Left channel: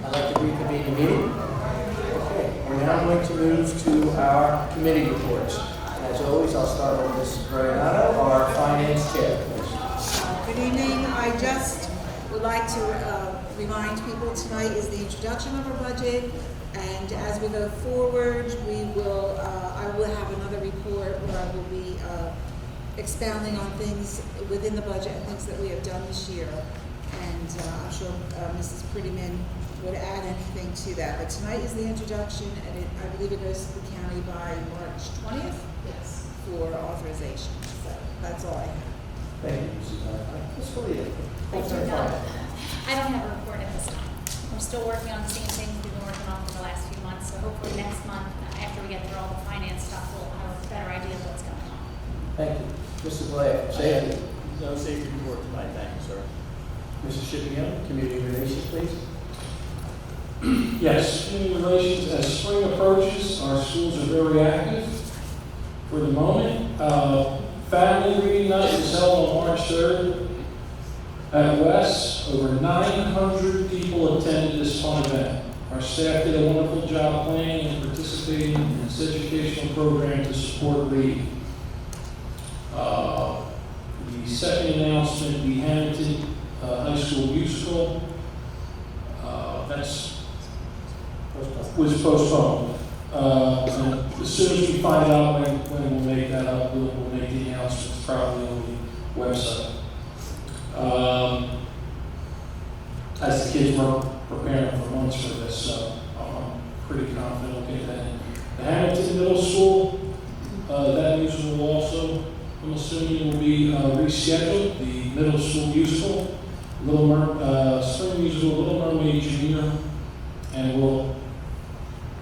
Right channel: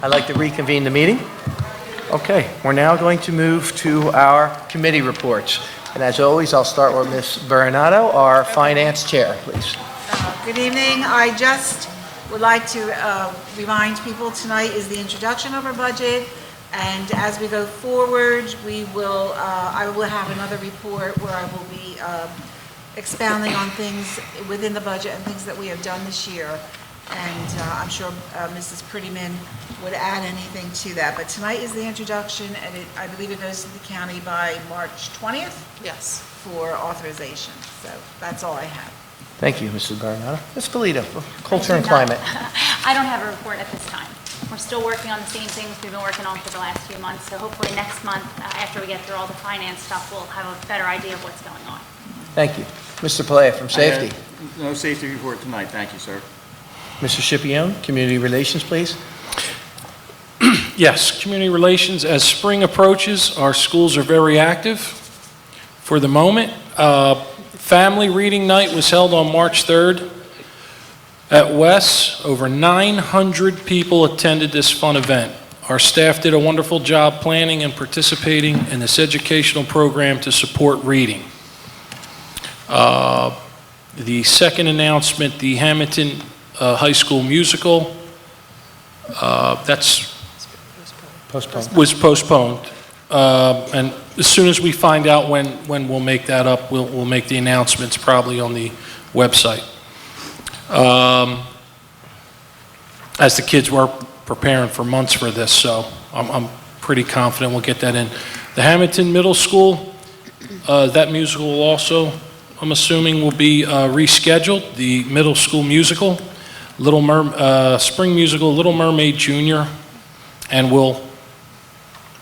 I'd like to reconvene the meeting. Okay, we're now going to move to our committee reports. And as always, I'll start with Ms. Vernado, our finance chair, please. Good evening. I just would like to remind people tonight is the introduction of our budget. And as we go forward, I will have another report where I will be expounding on things within the budget and things that we have done this year. And I'm sure Mrs. Prettyman would add anything to that. But tonight is the introduction, and I believe it goes to the county by March 20th? Yes. For authorization. So that's all I have. Thank you, Mrs. Vernado. Ms. Felita, culture and climate. I don't have a report at this time. We're still working on the same things we've been working on for the last few months. So hopefully next month, after we get through all the finance stuff, we'll have a better idea of what's going on. Thank you. Mr. Palea from Safety. No safety report tonight, thank you, sir. Mr. Scipione, Community Relations, please. Yes, community relations. As spring approaches, our schools are very active for the moment. Family Reading Night was held on March 3rd at Wes. Over 900 people attended this fun event. Our staff did a wonderful job planning and participating in this educational program to support reading. The second announcement, the Hammonton High School musical, was postponed. And as soon as we find out when we'll make that up, we'll make the announcements probably on the website. As the kids were preparing for months for this, so I'm pretty confident we'll get that in. The Hammonton Middle School, that musical will also, I'm assuming, will be rescheduled. The middle school musical, spring musical, Little Mermaid Junior, and we'll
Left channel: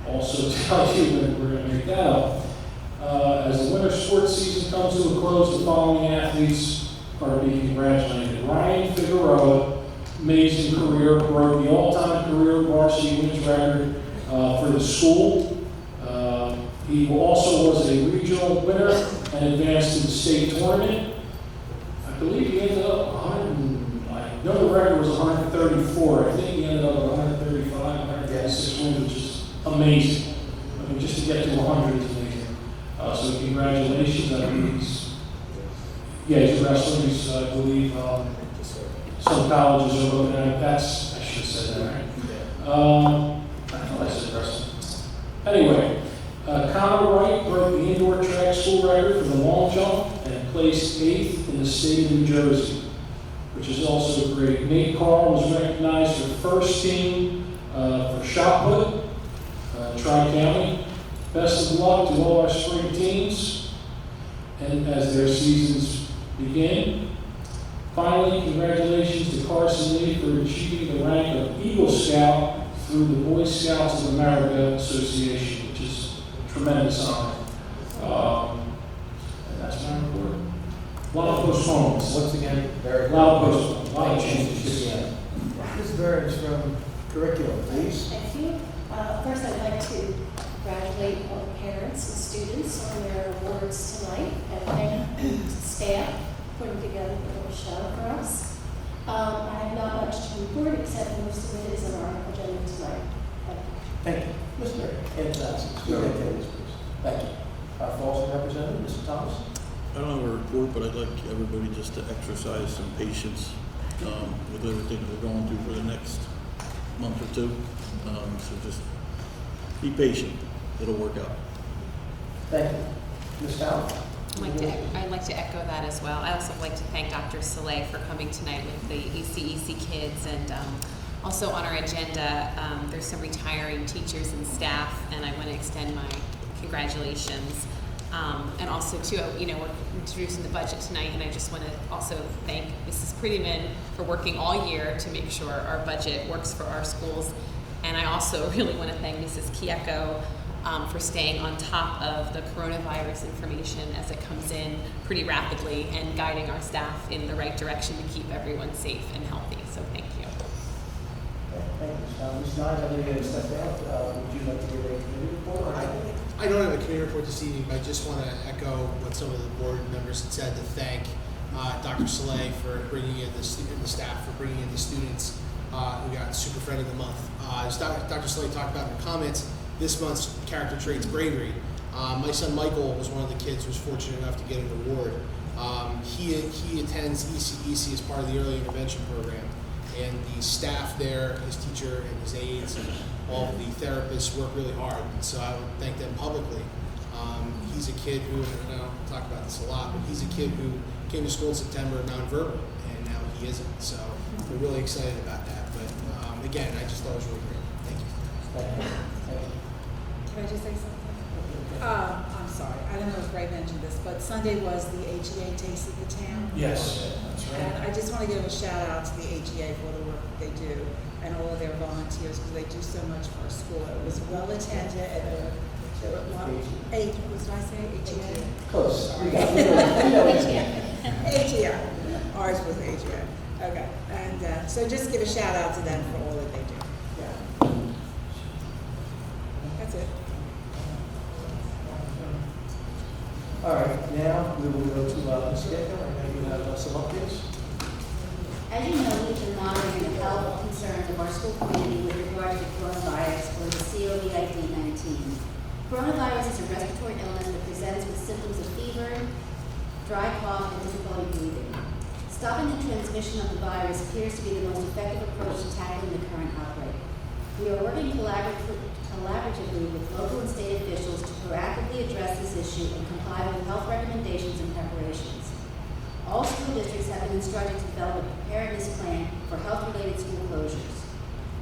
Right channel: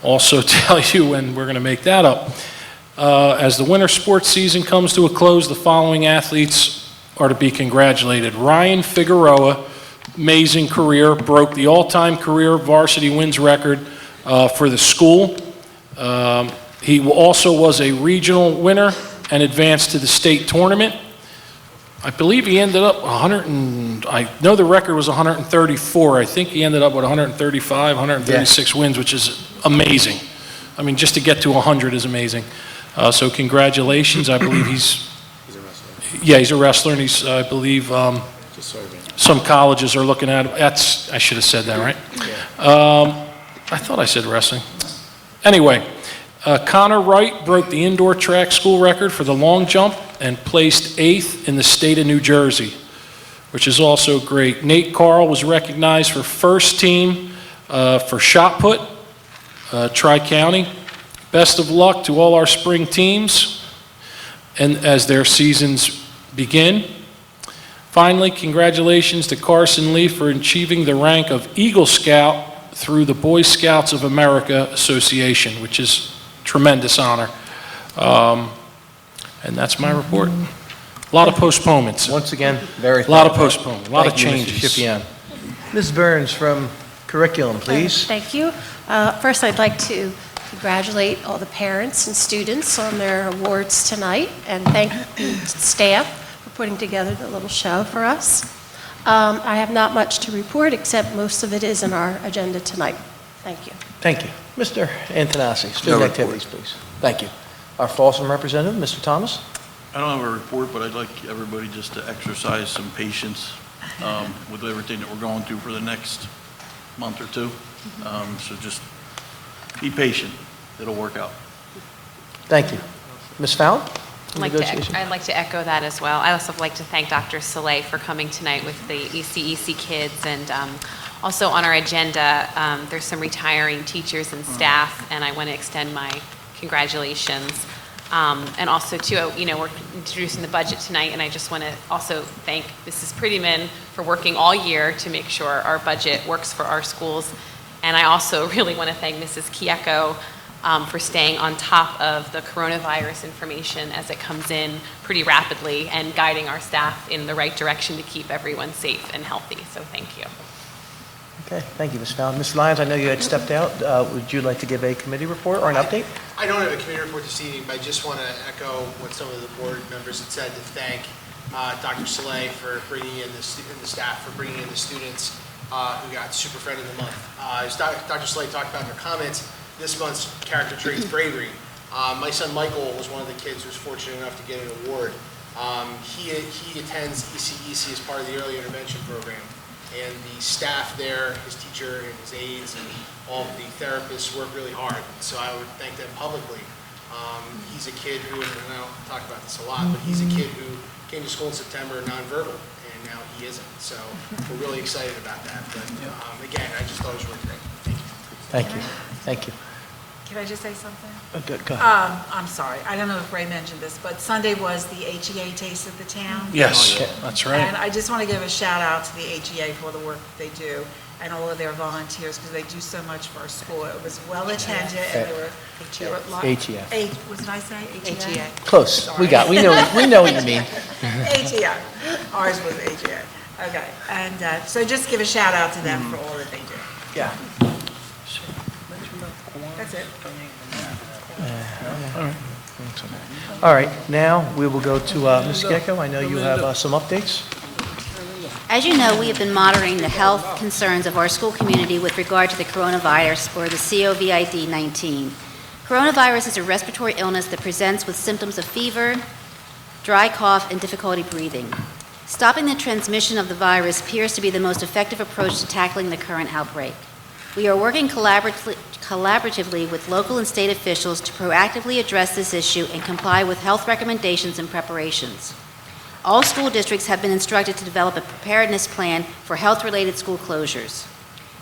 also tell you when we're going to make that up. As the winter sports season comes to a close, the following athletes are to be congratulated. Ryan Figueroa, amazing career, broke the all-time career varsity wins record for the school. He also was a regional winner and advanced to the state tournament. I believe he ended up I know the record was 134. I think he ended up with 135, 136 wins, which is amazing. I mean, just to get to 100 is amazing. So congratulations. I believe he's a wrestler, and he's, I believe, some colleges are looking at him. I should have said that, right? I thought I said wrestling. Anyway, Connor Wright broke the indoor track school record for the long jump and placed 8th in the state of New Jersey, which is also great. Nate Carl was recognized for first team for shot put, Tri-County. Best of luck to all our spring teams and as their seasons begin. Finally, congratulations to Carson Lee for achieving the rank of Eagle Scout through the Boy Scouts of America Association, which is tremendous honor. And that's my report. A lot of postponements. Once again, A lot of postponements, a lot of changes. Ms. Burns from Curriculum, please. Thank you. First, I'd like to congratulate all the parents and students on their awards tonight, and thank the staff for putting together the little show for us. I have not much to report, except most of it is in our agenda tonight. Thank you. Thank you. Mr. Antonassi, student activities, please. Thank you. Our Folsom representative, Mr. Thomas. I don't have a report, but I'd like everybody just to exercise some patience with everything that we're going through for the next month or two. So just be patient. It'll work out. Thank you. Ms. Fallon? I'd like to echo that as well. I also would like to thank Dr. Soleil for coming tonight with the ECEC kids, and also on our agenda, there's some retiring teachers and staff, and I want to extend my congratulations. And also, too, we're introducing the budget tonight, and I just want to also thank Mrs. Prettyman for working all year to make sure our budget works for our schools. And I also really want to thank Mrs. Kieko for staying on top of the coronavirus information as it comes in pretty rapidly and guiding our staff in the right direction to keep everyone safe and healthy. So thank you. Okay, thank you, Ms. Fallon. Ms. Lyons, I know you had stepped out. Would you like to give a committee report or an update? I don't have a committee report this evening, but I just want to echo what some of the board members had said to thank Dr. Soleil for bringing in the staff, for bringing in the students, who got Super Friend of the Month. As Dr. Slade talked about in her comments, this month's character trait is bravery. My son Michael was one of the kids who was fortunate enough to get an award. He attends ECEC as part of the early intervention program, and the staff there, his teacher and his aides and all of the therapists work really hard. And so I would thank them publicly. He's a kid who, and I'll talk about this a lot, but he's a kid who came to school in September nonverbal, and now he isn't. So we're really excited about that. But again, I just thought it was really great. Thank you. Thank you. Thank you. Can I just say something? Good, go ahead. I'm sorry, I don't know if Ray mentioned this, but Sunday was the AGA Taste of the Town. Yes, that's right. And I just want to give a shout out to the AGA for the work that they do and all of their volunteers because they do so much for our school. It was well attended and there were AGA. What did I say? AGA? Close. We know what you mean. AGA. Ours was AGA. Okay. And so just give a shout out to them for all that they do. Yeah. That's it. All right, now we will go to Ms. Gecko. I know you have some updates. As you know, we have been monitoring the health concerns of our school community with regard to the coronavirus, or the COVID-19. Coronavirus is a respiratory illness that presents with symptoms of fever, dry cough, and difficulty breathing. Stopping the transmission of the virus appears to be the most effective approach to tackling the current outbreak. We are working collaboratively with local and state officials to proactively address this issue and comply with health recommendations and preparations. All school districts have been instructed to develop a preparedness plan for health-related school closures.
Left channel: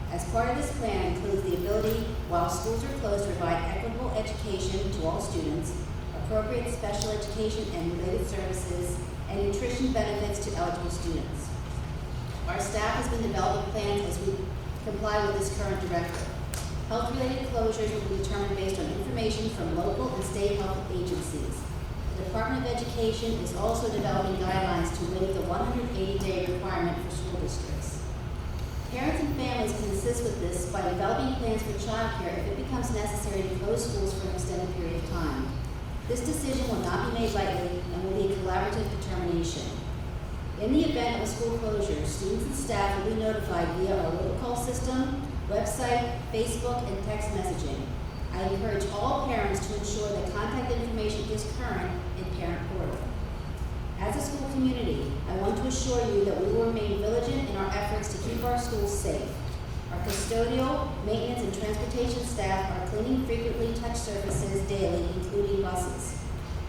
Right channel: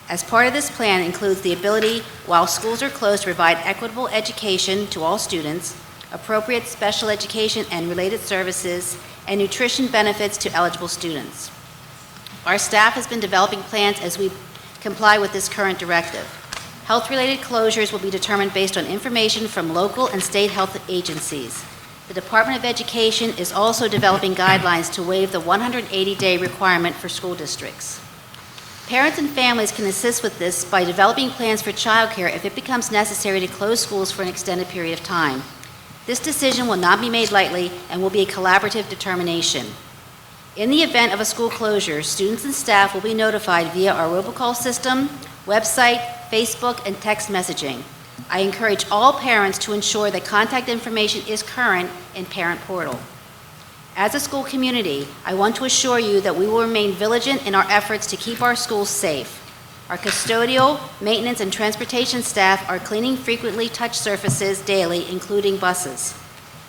As part of this plan includes the ability, while schools are closed, to provide equitable education to all students, appropriate special education and related services, and nutrition benefits to eligible students. Our staff has been developing plans as we comply with this current directive. Health-related closures will be determined based on information from local and state health agencies. The Department of Education is also developing guidelines to waive the 180-day requirement for school districts. Parents and families can assist with this by developing plans for childcare if it becomes necessary to close schools for an extended period of time. This decision will not be made lightly and will be a collaborative determination. In the event of a school closure, students and staff will be notified via our robocall system, website, Facebook, and text messaging. I encourage all parents to ensure that contact information is current in Parent Portal. As a school community, I want to assure you that we will remain vigilant in our efforts to keep our schools safe. Our custodial, maintenance, and transportation staff are cleaning frequently touched surfaces daily, including buses.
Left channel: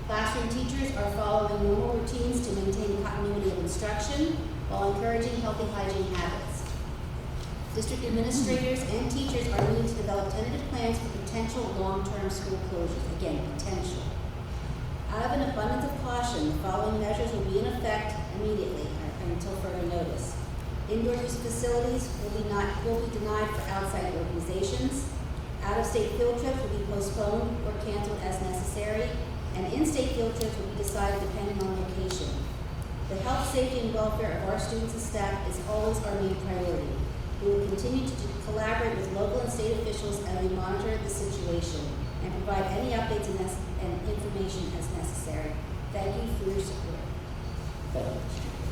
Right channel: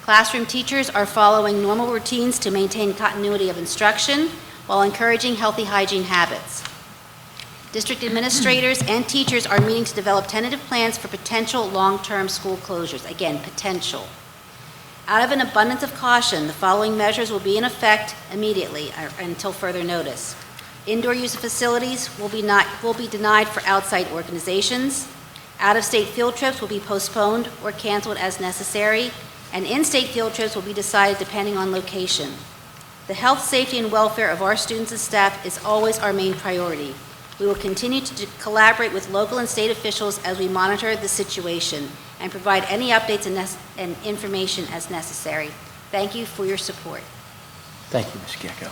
Classroom teachers are following normal routines to maintain continuity of instruction while encouraging healthy hygiene habits. District administrators and teachers are meeting to develop tentative plans for potential long-term school closures. Again, potential. Out of an abundance of caution, the following measures will be in effect immediately until further notice. Indoor use of facilities will be denied for outside organizations. Out-of-state field trips will be postponed or canceled as necessary, and in-state field trips will be decided depending on location. The health, safety, and welfare of our students and staff is always our main priority. We will continue to collaborate with local and state officials as we monitor the situation and provide any updates and information as necessary. Thank you for your support. Thank you, Ms. Gecko.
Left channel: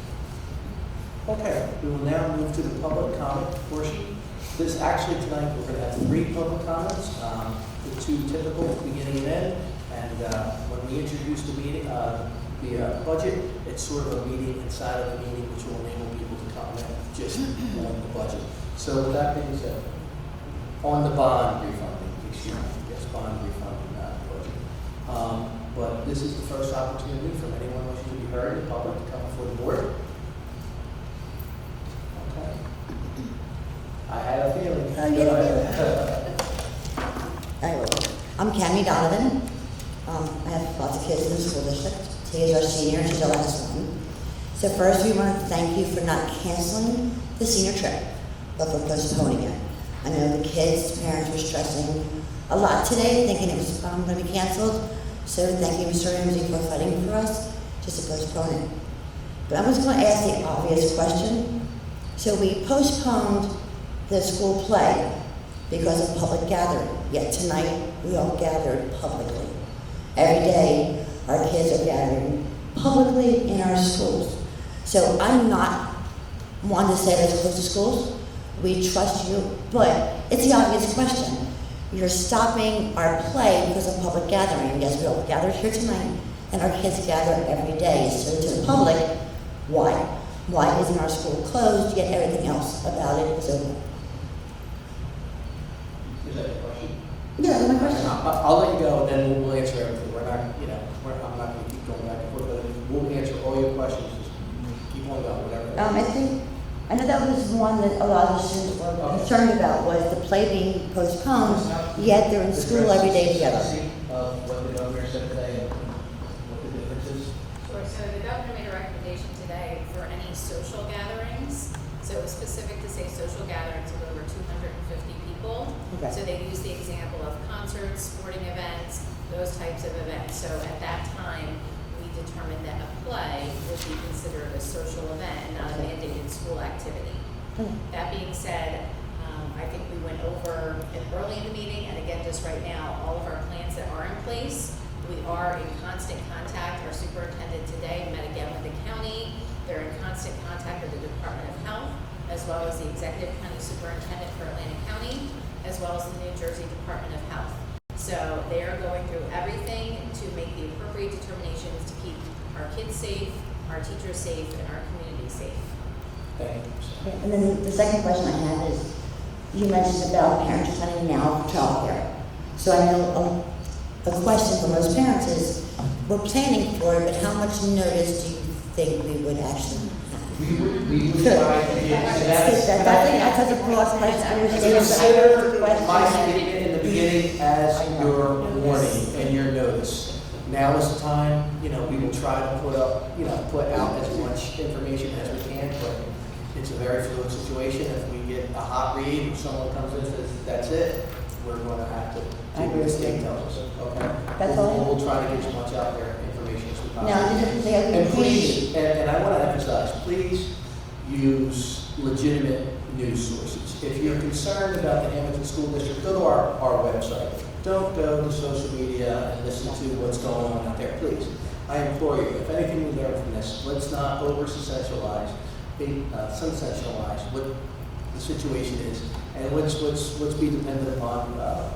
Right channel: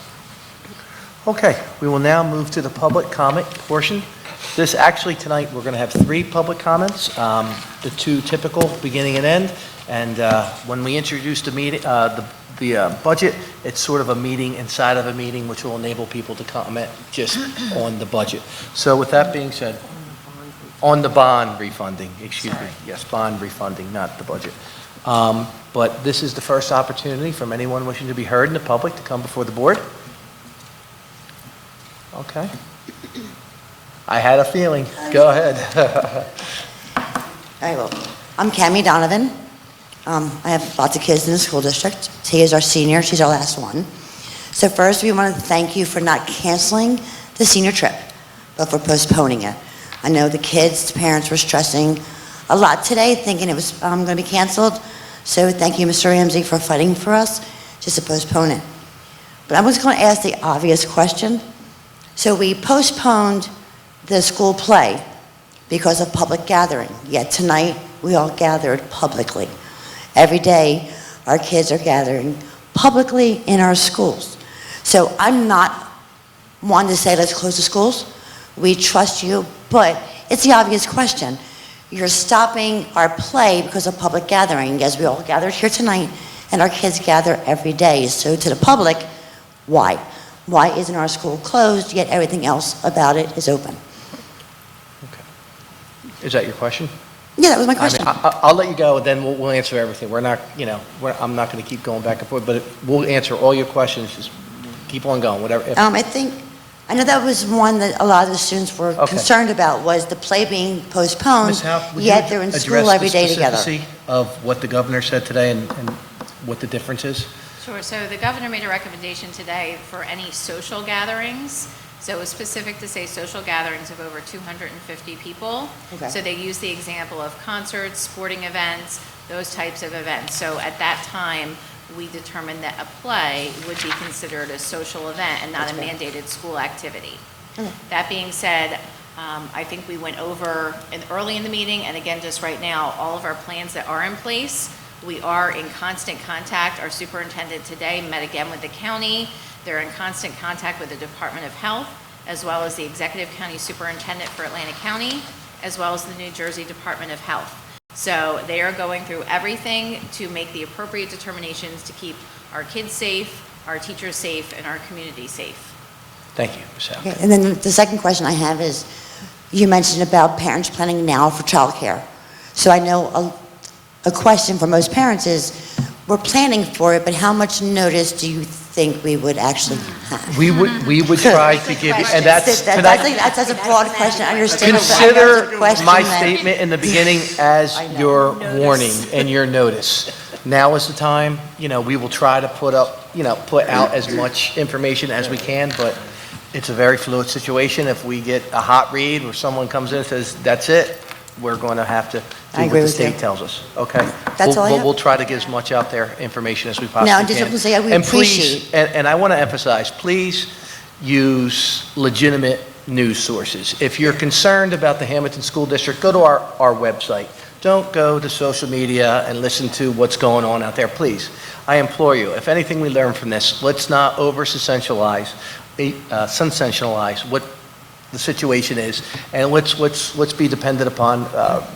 Okay, we will now move to the public comment portion. Tonight, we're going to have 3 public comments, the 2 typical, beginning and end. And when we introduce the meeting, the budget, it's sort of a meeting inside of a meeting, which will enable people to comment just on the budget. So with that being said, on the bond refunding, excuse me. Yes, bond refunding, not the budget. But this is the first opportunity from anyone wishing to be heard in the public to come before the board. Okay. I had a feeling. Go ahead. All right, well, I'm Cammie Donovan. I have lots of kids in the school district. T is our senior, she's our last one. So first, we want to thank you for not canceling the senior trip, but for postponing it. I know the kids, the parents were stressing a lot today, thinking it was going to be canceled. So thank you, Mr. Ramsey, for fighting for us just to postpone it. But I was going to ask the obvious question. So we postponed the school play because of public gathering. Yet tonight, we all gathered publicly. Every day, our kids are gathering publicly in our schools. So I'm not wanting to say let's close the schools, We trust you, but it's the obvious question. You're stopping our play because of public gathering, as we all gathered here tonight, and our kids gather every day. So to the public, why? Why isn't our school closed, yet everything else about it is open? Is that your question? Yeah, that was my I mean, question. I'll let you go, then we'll answer everything. We're not, I'm not going to keep going back and forth, but we'll answer all your questions. Just keep on going, whatever. I know that was one that a lot of the students were Okay. concerned about, was the play being postponed, Ms. Howe, would you yet they're in school address every the day together. specificity of what the governor said today and what the difference is? Sure, so the governor made a recommendation today for any social gatherings. So it was specific to say social gatherings of over 250 people. Okay. So they used the example of concerts, sporting events, those types of events. So at that time, we determined that a play would be considered a social event and not a mandated school activity. That being said, I think we went over early in the meeting, and again, just right now, all of our plans that are in place. We are in constant contact. Our superintendent today met again with the county. They're in constant contact with the Department of Health, as well as the Executive County Superintendent for Atlantic County, as well as the New Jersey Department of Health. So they are going through everything to make the appropriate determinations to keep our kids safe, our teachers safe, and our community safe. Thank you, Ms. Howe. Okay, and then the second question I have is, you mentioned about parents planning now for childcare. So I know a question for most parents is, we're planning for it, but how much notice do you think we would actually have? We would try to give, and that's That's a broad question, I understand. consider my statement in the beginning as your warning and your notice. Now is the time, we will try to put out as much information as we can, but it's a very fluid situation. If we get a hot read where someone comes in and says, that's it, we're going to have to I do agree what the with you. state tells us, okay? That's all I have. We'll try to get as much out there, information as we possibly No, can. I just want to say, we And please, appreciate- and I want to emphasize, please use legitimate news sources. If you're concerned about the Hammonton School District, go to our website. Don't go to social media and listen to what's going on out there, please. I implore you, if anything we learn from this, let's not over-sensationalize what the situation is, and let's be dependent upon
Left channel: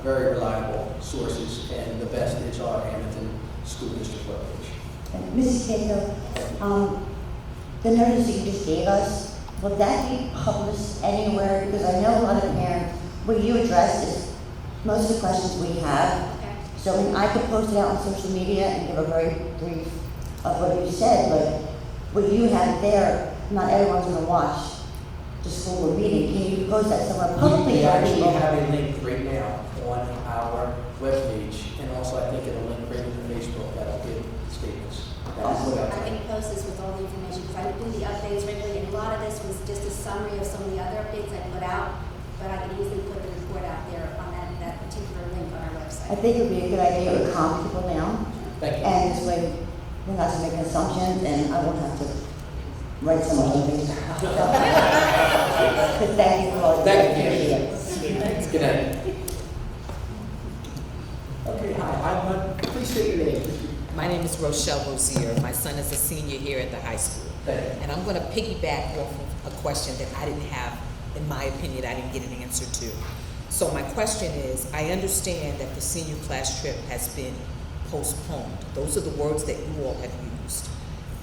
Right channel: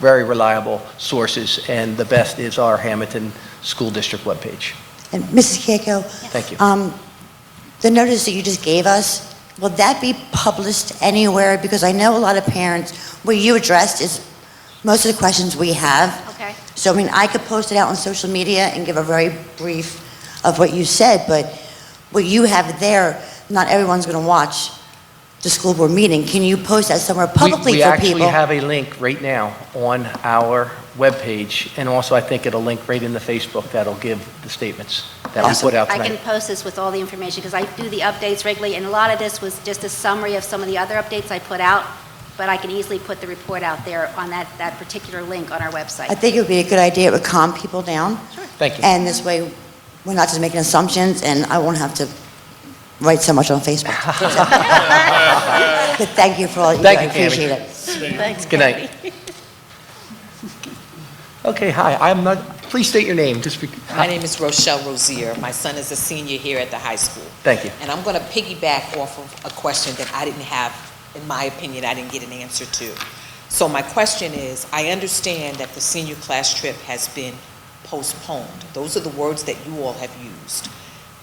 very reliable sources, and the best is our Hammonton School District webpage. And Mrs. Keiko? Thank you. The notice that you just gave us, will that be published anywhere? Because I know a lot of parents, what you addressed is most of the questions we have. Okay. So, I could post it out on social media and give a very brief of what you said, but what you have there, not everyone's going to watch the school board meeting. Can you post that somewhere publicly We for actually people? have a link right now on our webpage, and also I think it'll link right in the Facebook that'll give the statements that we put out I tonight. can post this with all the information, because I do the updates regularly, and a lot of this was just a summary of some of the other updates I put out, but I can easily put the report out there on that particular link on our I website. think it would be a good idea. It would calm people down. Thank you. And this way, we're not just making assumptions, and I won't have to write so much on Facebook. But thank you for all you do. I Thank you, appreciate Tammy. it. Good night. Okay, hi, please state your name. My name is Rochelle Rozier. My son is a senior here at the high school. Thank you. And I'm going to piggyback off of a question that I didn't have, in my opinion, I didn't get an answer to. So my question is, I understand that the senior class trip has been postponed. Those are the words that you all have used.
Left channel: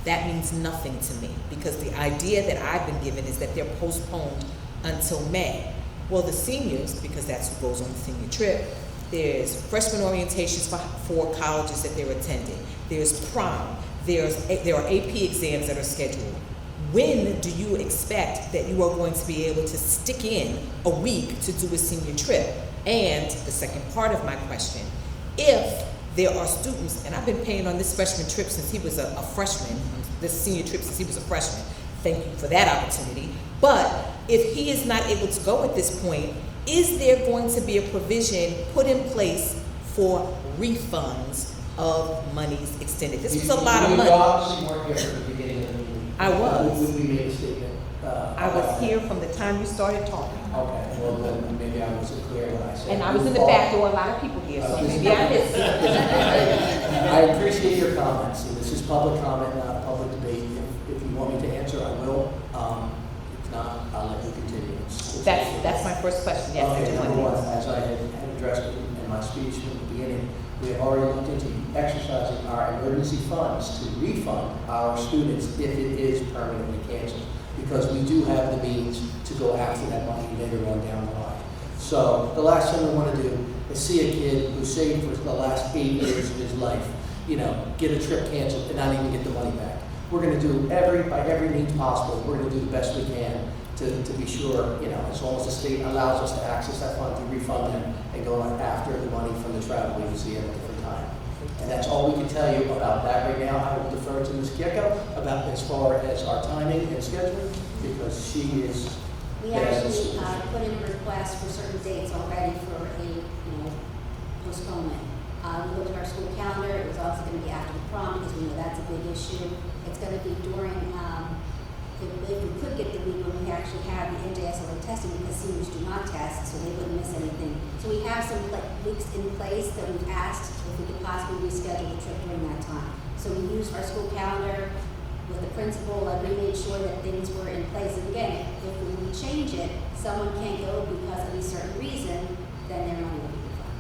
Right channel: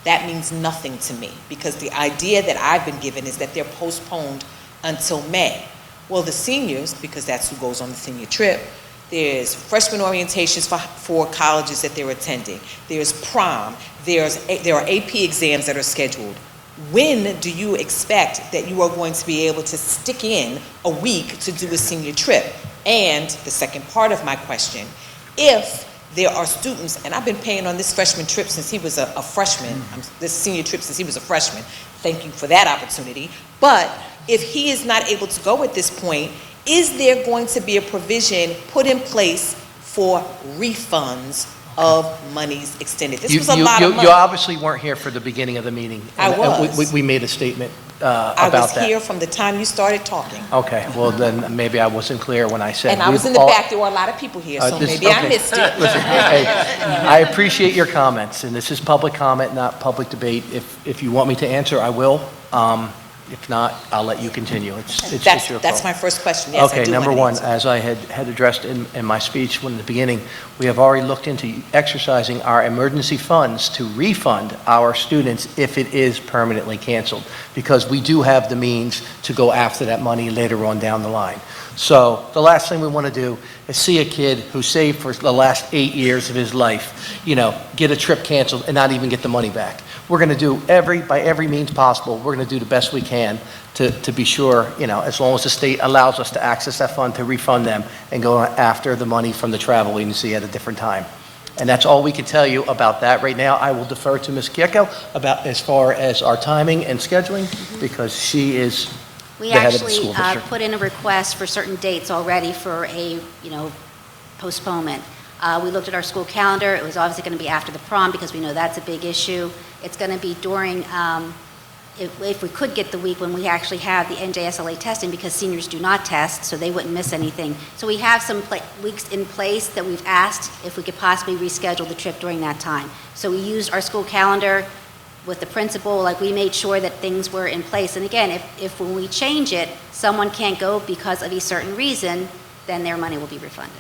That means nothing to me, because the idea that I've been given is that they're postponed until May. Well, the seniors, because that's who goes on the senior trip, there's freshman orientations for colleges that they're attending. There's prom. There are AP exams that are scheduled. When do you expect that you are going to be able to stick in a week to do a senior trip? And the second part of my question, if there are students, and I've been paying on this freshman trip since he was a freshman, this senior trip since he was a freshman, thank you for that opportunity, but if he is not able to go at this point, is there going to be a provision put in place for refunds of monies extended? This was a lot of money. You obviously weren't here for the beginning of the meeting. I And was. We made a statement about I that. was here from the time you started talking. Okay, well then, maybe I wasn't clear when I said. And I was in the back, there were a lot of people here, so maybe I missed it. Listen, hey, I appreciate your comments, and this is public comment, not public debate. If you want me to answer, I will. If not, I'll let you continue. It's your call. That's my first question, yes, I Okay, do number want an one, answer. as I had addressed in my speech in the beginning, we have already looked into exercising our emergency funds to refund our students if it is permanently canceled, because we do have the means to go after that money later on down the line. So the last thing we want to do is see a kid who saved for the last 8 years of his life, get a trip canceled and not even get the money back. We're going to do by every means possible, we're going to do the best we can to be sure, as long as the state allows us to access that fund, to refund them and go after the money from the travel agency at a different time. And that's all we can tell you about that right now. I will defer to Ms. Kieko about as far as our timing and scheduling, because she is We the head of the actually school district. put in a request for certain dates already for a, postponement. We looked at our school calendar. It was obviously going to be after the prom because we know that's a big issue. It's going to be during, if we could get the week when we actually have the NJSLA testing, because seniors do not test, so they wouldn't miss anything. So we have some weeks in place that we've asked if we could possibly reschedule the trip during that time. So we used our school calendar with the principal, we made sure that things were in place. And again, if when we change it, someone can't go because of a certain reason, then their money will be refunded.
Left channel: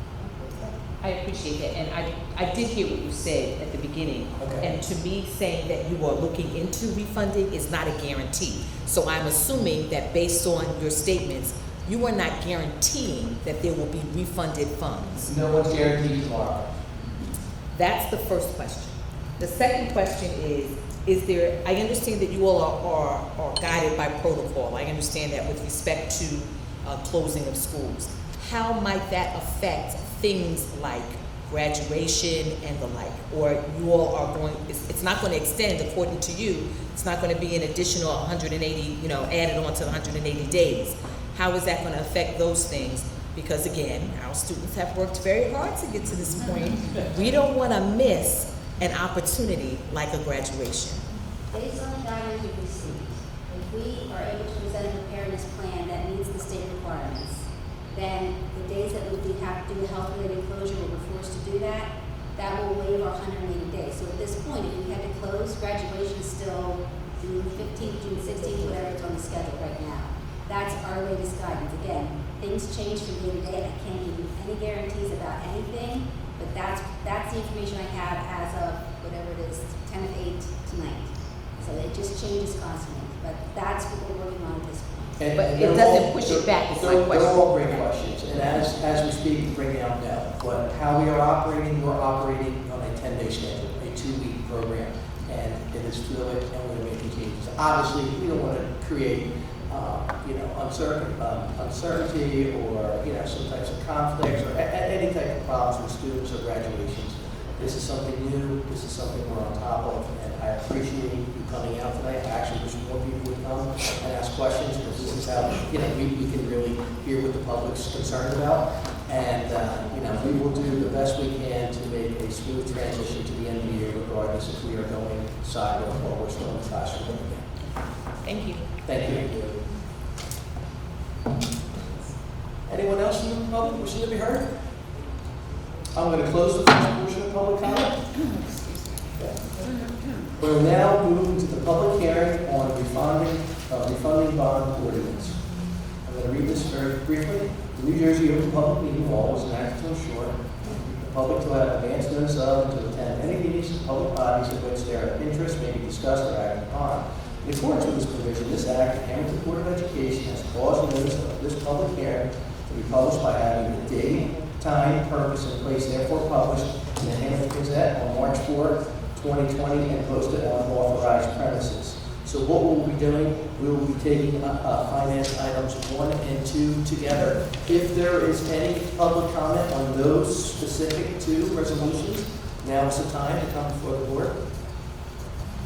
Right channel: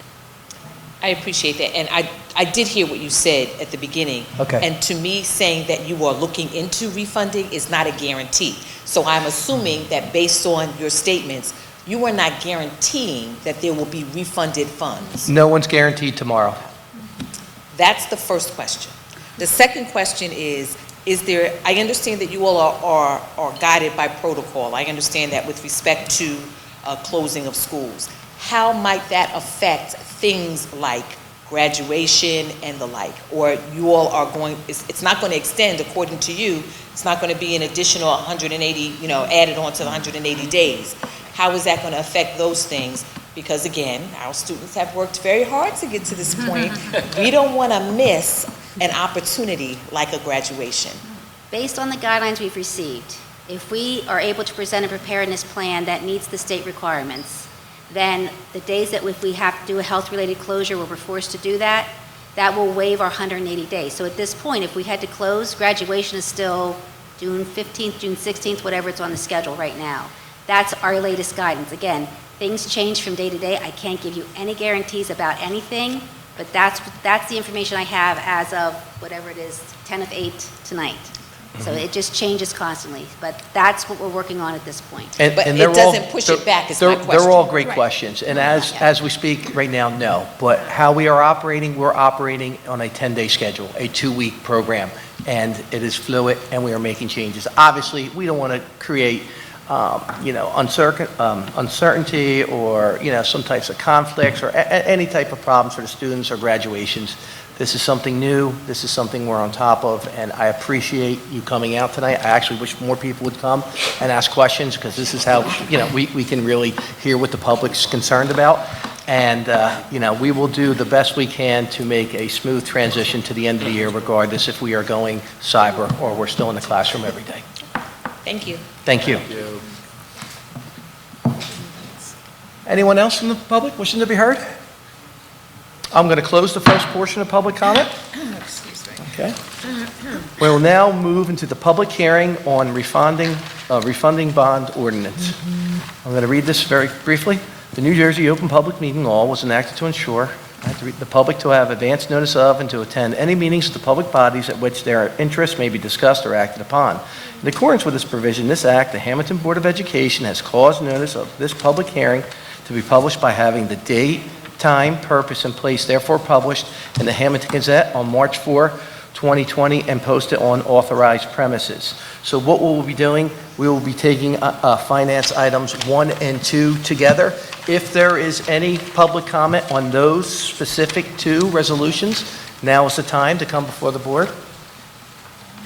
I appreciate that, and I did hear what you said at the beginning. Okay. And to me, saying that you are looking into refunding is not a guarantee. So I'm assuming that based on your statements, you are not guaranteeing that there will be refunded funds. No one's guaranteed tomorrow. That's the first question. The second question is there, I understand that you all are guided by protocol. I understand that with respect to closing of schools. How might that affect things like graduation and the like? Or you all are it's not going to extend, according to you, it's not going to be an additional 180, added on to the 180 days. How is that going to affect those things? Because again, our students have worked very hard to get to this point. We don't want to miss an opportunity like a graduation. Based on the guidelines we've received, if we are able to present a preparedness plan that meets the state requirements, then the days that if we have to do a health-related closure where we're forced to do that, that will waive our 180 days. So at this point, if we had to close, graduation is still June 15th, June 16th, whatever it's on the schedule right now. That's our latest guidance. Again, things change from day to day. I can't give you any guarantees about anything, but that's the information I have as of whatever it is, 10 of 8 tonight. So it just changes constantly, but that's what we're working on at this point. But And it they're doesn't push it back, is my They're question. all great Right. questions, and as we speak right now, no. But how we are operating, we're operating on a 10-day schedule, a 2-week program, and it is fluid, and we are making changes. Obviously, we don't want to create, uncertainty or, some types of conflicts or any type of problems for the students or graduations. This is something new. This is something we're on top of, and I appreciate you coming out tonight. I actually wish more people would come and ask questions, because this is how, we can really hear what the public's concerned about. And, we will do the best we can to make a smooth transition to the end of the year, regardless if we are going cyber or we're still in the classroom every day. Thank you. Thank you. Anyone else from the public wishing to be heard? I'm going to close the first portion of public comment. Okay. We'll now move into the public hearing on refunding bond ordinance. I'm going to read this very briefly. The New Jersey Open Public Meeting Law was enacted to ensure the public to have advance notice of and to attend any meetings of the public bodies at which their interests may be discussed or acted upon. In accordance with this provision, this act, the Hammonton Board of Education has caused notice of this public hearing to be published by having the date, time, purpose, and place therefore published in the Hammonton Gazette on March 4, 2020, and posted on authorized premises. So what we'll be doing, we will be taking finance items 1 and 2 together. If there is any public comment on those specific 2 resolutions, now is the time to come before the board.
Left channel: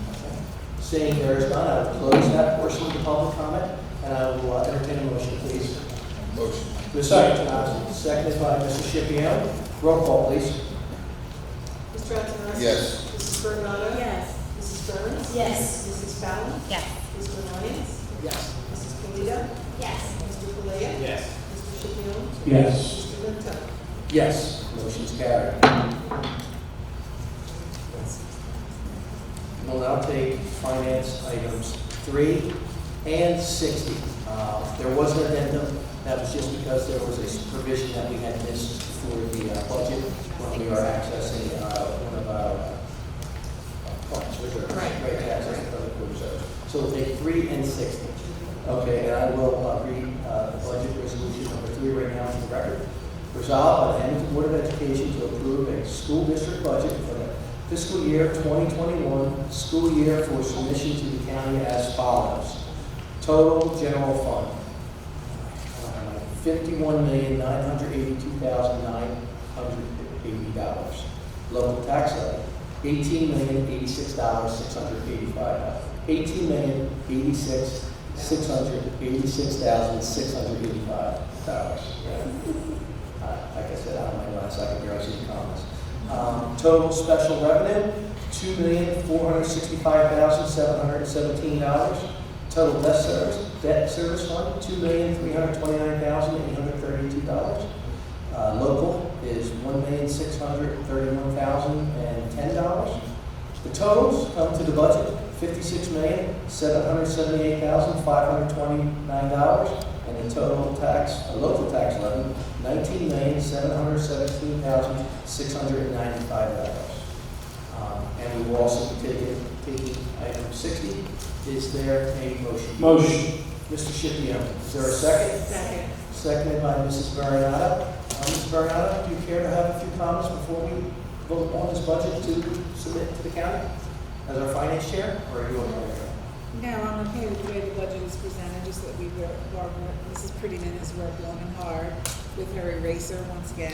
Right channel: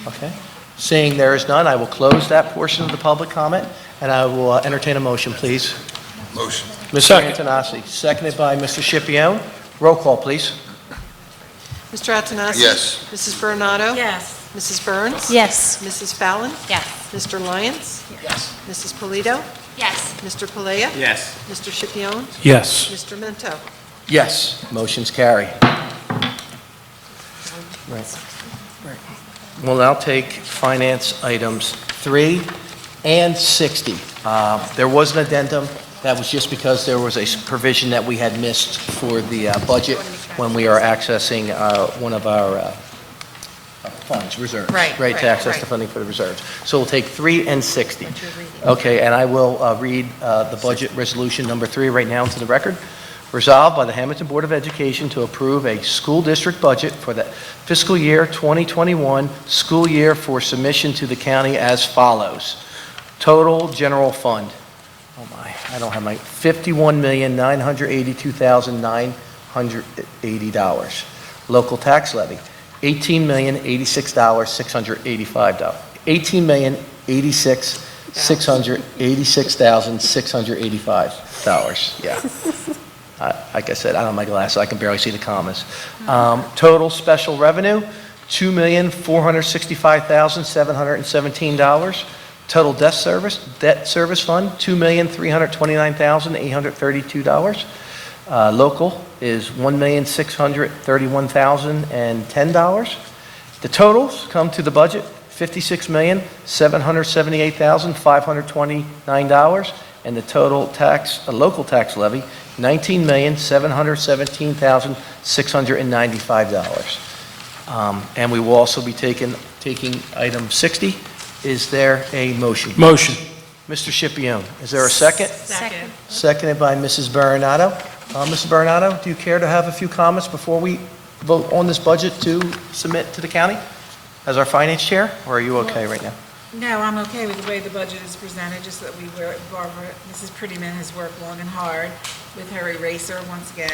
Okay. Seeing there is none, I will close that portion of the public comment, and I will entertain a motion, please. Motion. Mr. Second. Antonassi, seconded by Mr. Scipione. Roll call, please. Mr. Attanassi? Yes. Mrs. Bernardo? Yes. Mrs. Burns? Yes. Mrs. Fallon? Yes. Mr. Lyons? Yes. Mrs. Polito? Yes. Mr. Palea? Yes. Mr. Scipione? Yes. Mr. Mento? Yes, motion's carry. We'll now take finance items 3 and 60. There was an addendum. That was just because there was a provision that we had missed for the budget when we are accessing one of our funds, reserves. Right, to access the funding for the reserves. So we'll take 3 and 60. Okay, and I will read the budget resolution number 3 right now into the record. Resolved by the Hammonton Board of Education to approve a school district budget for the fiscal year 2021 school year for submission to the county as follows. Total general fund. Oh my, I don't have my $51,982,980. Local tax levy, $18,086,685. $18,086,685. Yeah. Like I said, I don't have my glasses, I can barely see the commas. Total special revenue, $2,465,717. Total debt service fund, $2,329,832. Local is $1,631,010. The totals come to the budget, $56,778,529. And the total local tax levy, $19,717,695. And we will also be taking item 60. Is there a motion? Motion. Mr. Scipione, is there a second? Second. Seconded by Mrs. Bernardo. Mrs. Bernardo, do you care to have a few comments before we vote on this budget to submit to the county as our finance chair, or are you okay right now? No, I'm okay with the way the budget is presented, just that Mrs. Prettyman has worked long and hard with her eraser once again.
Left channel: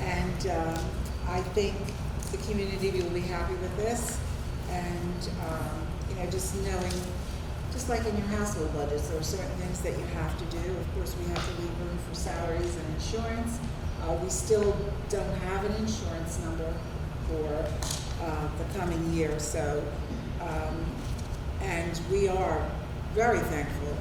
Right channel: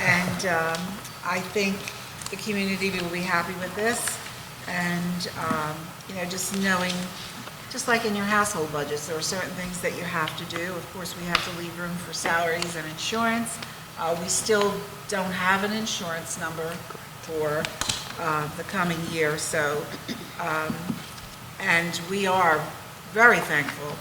And I think the community will be happy with this. And, just knowing, just like in your household budgets, there are certain things that you have to do. Of course, we have to leave room for salaries and insurance. We still don't have an insurance number for the coming year, so, and we are very thankful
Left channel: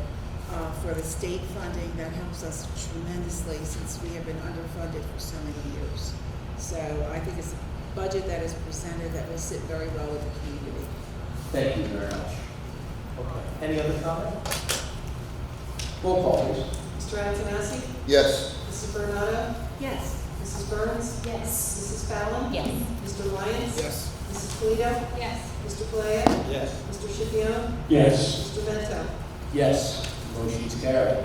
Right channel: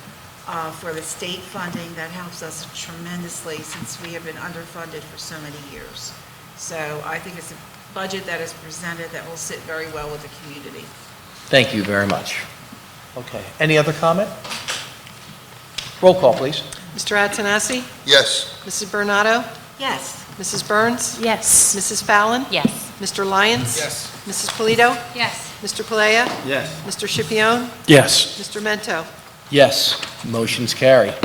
for the state funding that helps us tremendously since we have been underfunded for so many years. So I think it's a budget that is presented that will sit very well with the community. Thank you very much. Okay, any other comment? Roll call, please. Mr. Antonassi? Yes. Mrs. Bernardo? Yes. Mrs. Burns? Yes. Mrs. Fallon? Yes. Mr. Lyons? Yes. Mrs. Polito? Yes. Mr. Palea? Yes. Mr. Scipione? Yes. Mr. Mento? Yes, motion's carried.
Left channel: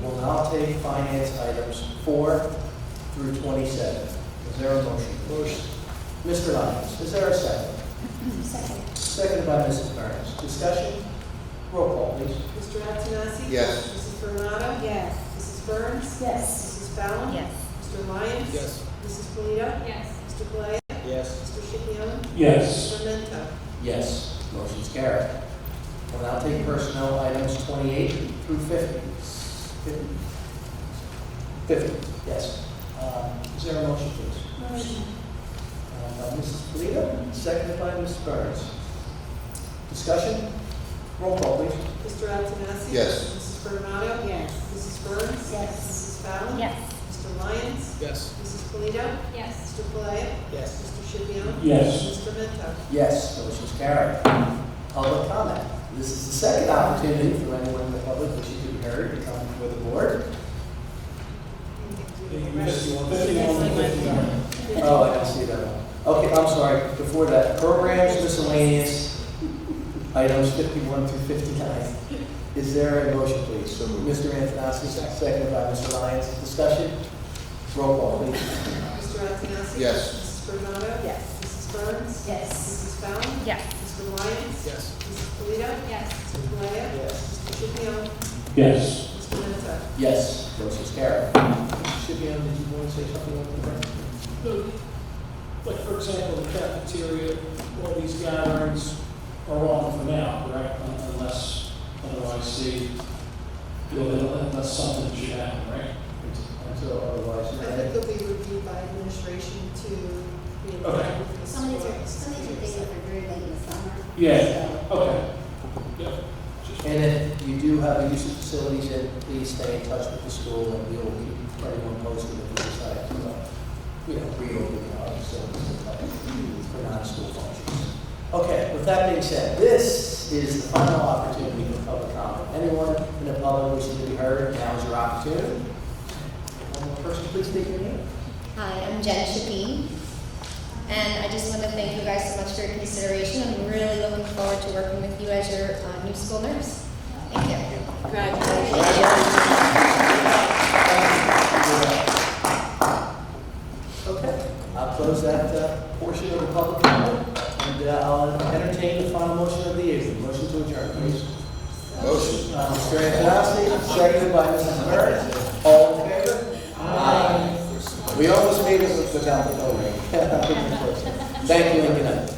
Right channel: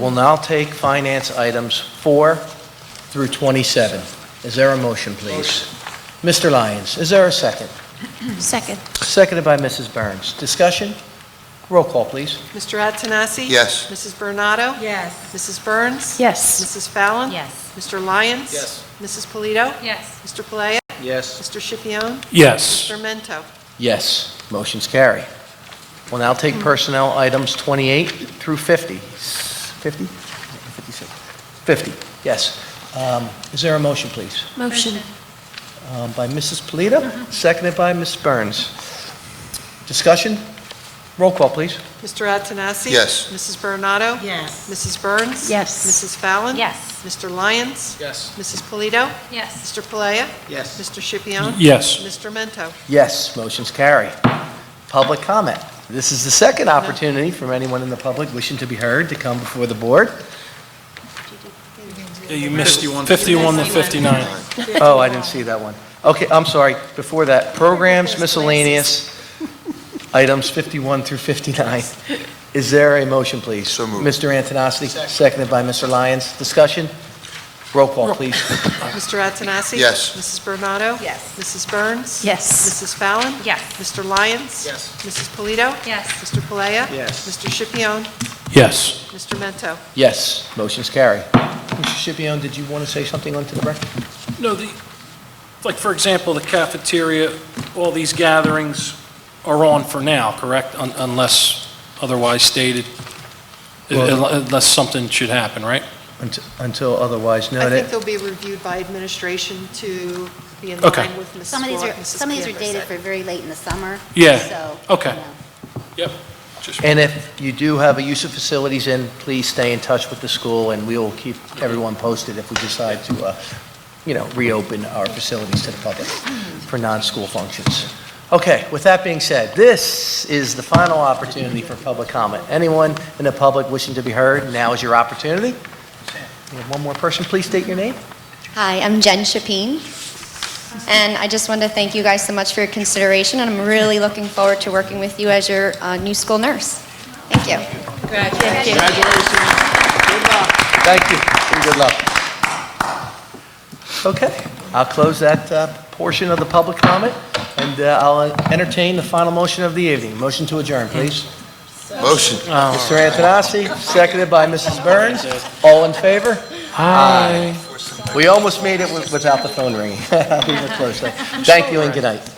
We'll now take finance items 4 through 27. Is there a motion, please? Mr. Lyons, is there a second? Second. Seconded by Mrs. Burns. Discussion? Roll call, please. Mr. Antonassi? Yes. Mrs. Bernardo? Yes. Mrs. Burns? Yes. Mrs. Fallon? Yes. Mr. Lyons? Yes. Mrs. Polito? Yes. Mr. Palea? Yes. Mr. Scipione? Yes. Mr. Mento? Yes, motion's carried. We'll now take personnel items 28 through 50. 50? 50, yes. Is there a motion, please? Motion. By Mrs. Polito, seconded by Ms. Burns. Discussion? Roll call, please. Mr. Antonassi? Yes. Mrs. Bernardo? Yes. Mrs. Burns? Yes. Mrs. Fallon? Yes. Mr. Lyons? Yes. Mrs. Polito? Yes. Mr. Palea? Yes. Mr. Scipione? Yes. Mr. Mento? Yes, motion's carried. Public comment. This is the second opportunity for anyone in the public wishing to be heard to come before the board. Yeah, you missed 51 to 59. Oh, I didn't see that one. Okay, I'm sorry. Before that, programs miscellaneous, items 51 through 59. Is there a motion, please? So moved. Mr. Antonassi, seconded by Mr. Lyons. Discussion? Roll call, please. Mr. Antonassi? Yes. Mrs. Bernardo? Yes. Mrs. Burns? Yes. Mrs. Fallon? Yes. Mr. Lyons? Yes. Mrs. Polito? Yes. Mr. Palea? Yes. Mr. Scipione? Yes. Mr. Mento? Yes, motion's carried. Mr. Scipione, did you want to say something onto the record? No, like, for example, the cafeteria, all these gatherings are on for now, correct? Unless otherwise stated, unless something should happen, right? Until otherwise I think noted. they'll be reviewed by administration to be in Okay. line with Mrs. Some of these are, Mrs. some of these are Cantor dated said. for very late in the summer. Yeah, so- okay. Yep. Just- And if you do have a use of facilities in, please stay in touch with the school, and we will keep everyone posted if we decide to, reopen our facilities to the public for non-school functions. Okay, with that being said, this is the final opportunity for public comment. Anyone in the public wishing to be heard, now is your opportunity. We have one more person, please state your name. Hi, I'm Jen Chapin, and I just wanted to thank you guys so much for your consideration, and I'm really looking forward to working with you as your new school nurse. Thank you. Thank you. Good luck. Okay, I'll close that portion of the public comment, and I'll entertain the final motion of the evening. Motion to adjourn, please. Motion. Mr. Antonassi, seconded by Mrs. Burns. All in favor? Aye. We almost made it without the phone ringing. Thank you and good night.